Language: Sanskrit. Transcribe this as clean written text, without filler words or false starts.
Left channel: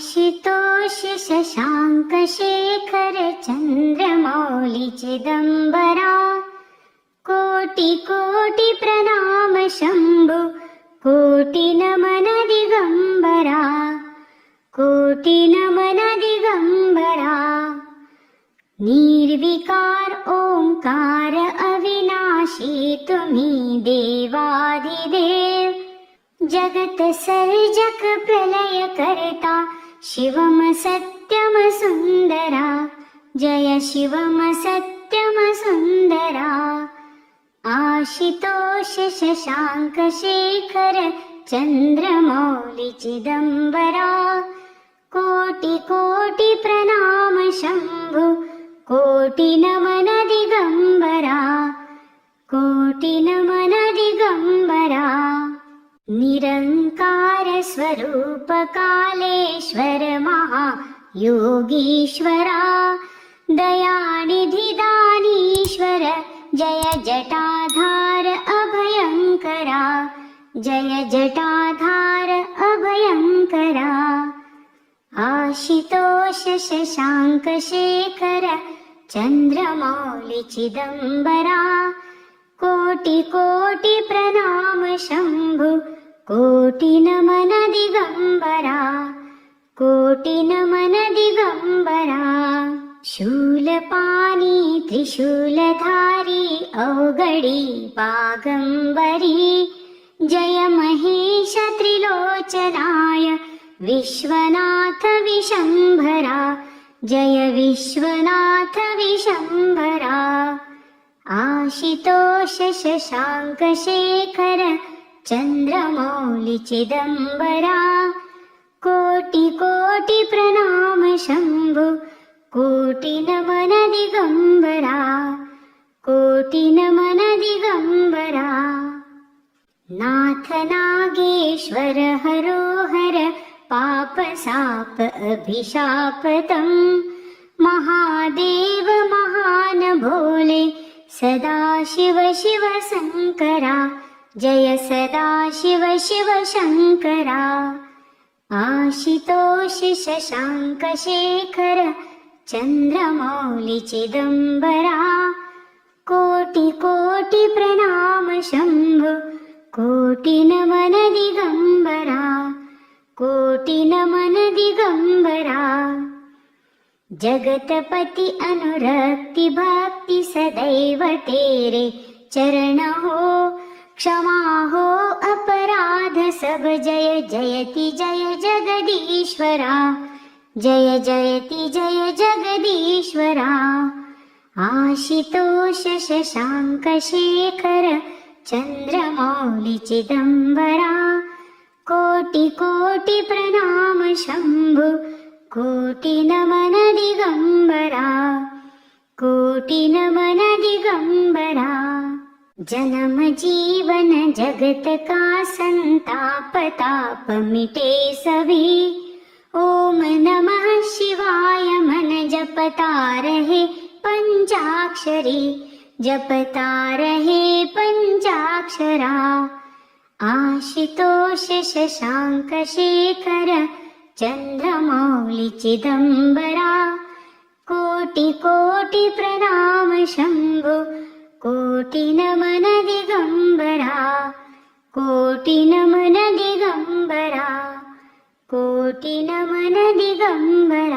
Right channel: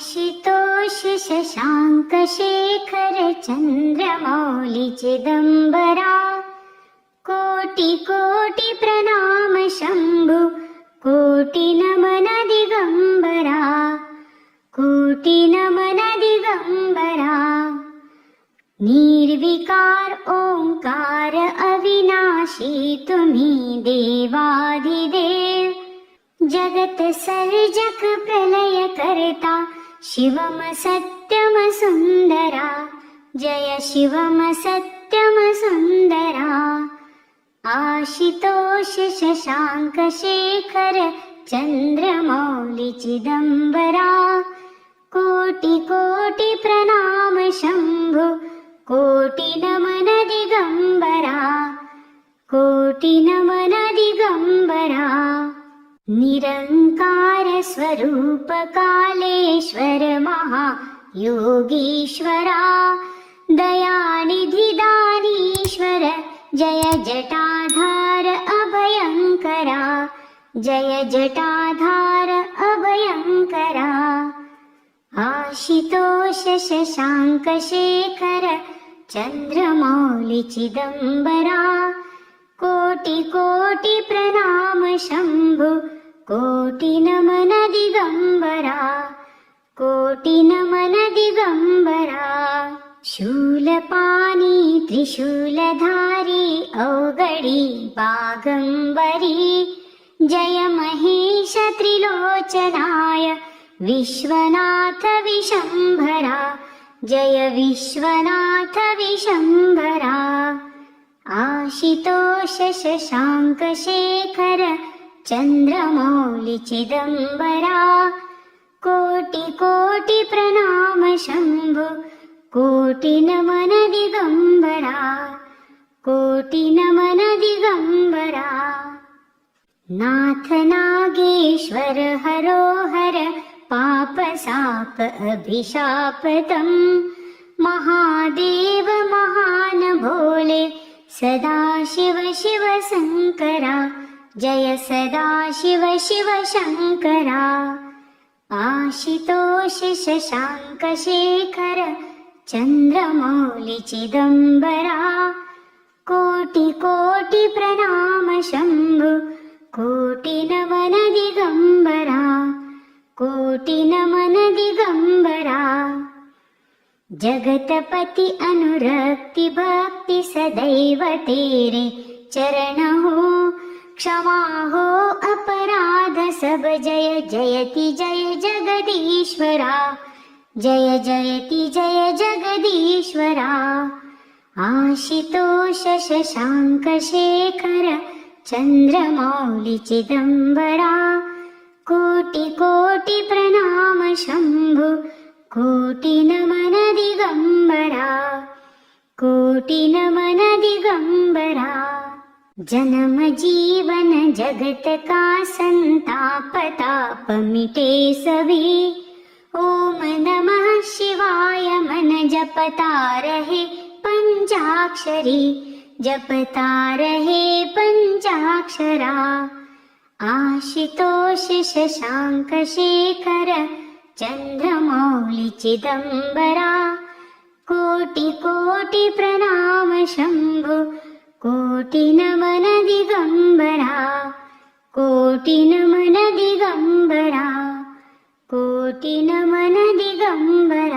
आशुतोष शशांक शेखर चंद्रमौली चिदंबरा कोटि कोटि प्रणाम शंभु कोटि नमन दिगंबरा कोटि नमन दिगंबरा निर्विकार ओंकार अविनाशी तुम्ही देवाधिदेव जगत सर्जक प्रलय करता शिवम सत्यम सुंदरा जय शिवम सत्यम सुंदरा आशुतोष शशांक शेखर चंद्रमौली चिदंबरा कोटि कोटि प्रणाम शंभु कोटि नमन दिगंबरा कोटि नमन दिगंबरा निरंकार स्वरूप कालेश्वर महायोगीश्वरा दयानिधि दानीश्वर जय जटाधार अभयंकरा जय जटाधार अभयंकरा आशुतोष शशांक शेखर चंद्रमौली चिदंबरा कोटि कोटि प्रणाम शंभु कोटि नमन दिगंबरा कोटि नमन दिगंबरा शूलपाणी त्रिशूलधारी अवगडी बागंबरी जय महेश त्रिलोचनाय विश्वनाथ विशंभरा जय विश्वनाथ विशंभरा आशुतोष शशांक शेखर चंद्रमौली चिदंबरा कोटि कोटि प्रणाम शंभु कोटि नमन दिगंबरा कोटि नमन दिगंबरा नाथ नागेश्वर हरोहर पाप साप अभिशापतम महादेव महान भोले सदाशिव शिव शंकरा जय सदाशिव शिव शंकरा आशुतोष शशांक शेखर चंद्रमौली चिदंबरा कोटि कोटि प्रणाम शंभु कोटि नमन दिगंबरा कोटि नमन दिगंबरा जगतपति अनुरक्ति भक्ति सदैव तेरे चरण हो क्षमा हो अपराध सब जय जयति जय जगदीश्वरा जय जयति जय जगदीश्वरा आशुतोष शशांक शेखर चंद्रमौली चिदंबरा कोटि कोटि प्रणाम शंभु कोटि नमन दिगंबरा कोटि नमन दिगंबरा जन्म जीवन जगत का संताप ताप मिटे सभी ओम नमः शिवाय मन जपता रहे पंचाक्षरी जपता रहे पंचाक्षरा आशुतोष शशांक शेखर चंद्रमौली चिदंबरा कोटि कोटि प्रणाम शंभु कोटि नमन दिगंबरा कोटि नमन दिगंबरा कोटि नमन दिगंबरा।